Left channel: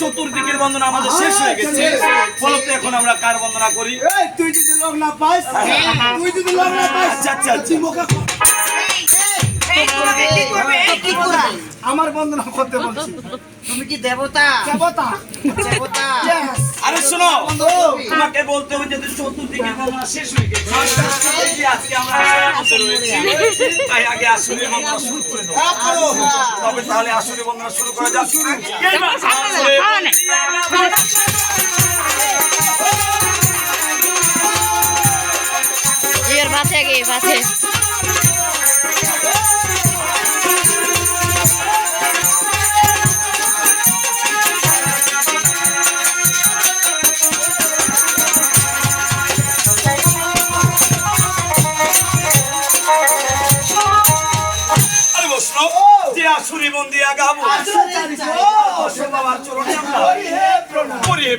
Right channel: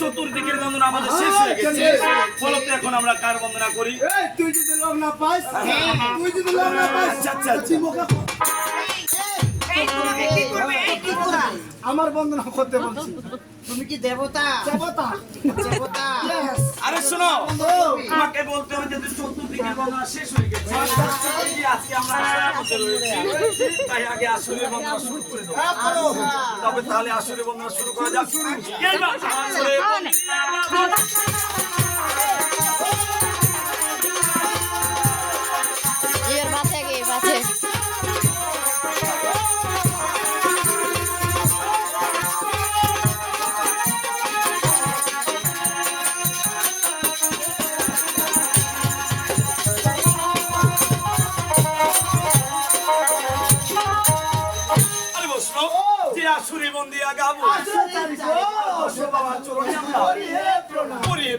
চতুর্দিকের বন্দনা আমাদের শেষ হয়ে গেছে, ফলত এখন আমরা কার বন্দনা করি? তুই যদি লোক না পাস, তুই যদি লোক না পাস, আমার বন্দনা করতে বলছি। তুমি কি দেবতা? দেবতা, দেবতা। আরে শোনো, তোমাকে বলতে হবে যে চতুর্দিকের বন্দনা শেষ হয়ে গেছে, আজকে আমরা রয়েছি, তাই আগে আসলে বন্দনা শুরু করে দেবো। তবে তাহলে আসলে বন্দনা শুরু করা যাক।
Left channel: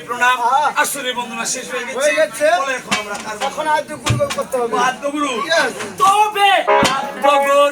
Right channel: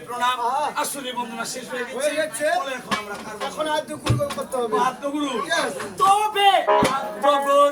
প্রণাম। আসলে বন্দনা শেষ হয়ে গেছে, এখন আমরা এখন আদ্যগুরু করতে হবে। আদ্যগুরু, তবে আদ্যগুরু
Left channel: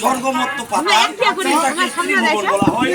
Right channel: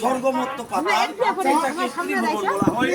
স্বর্গমত্ত পাতা বলা হয়।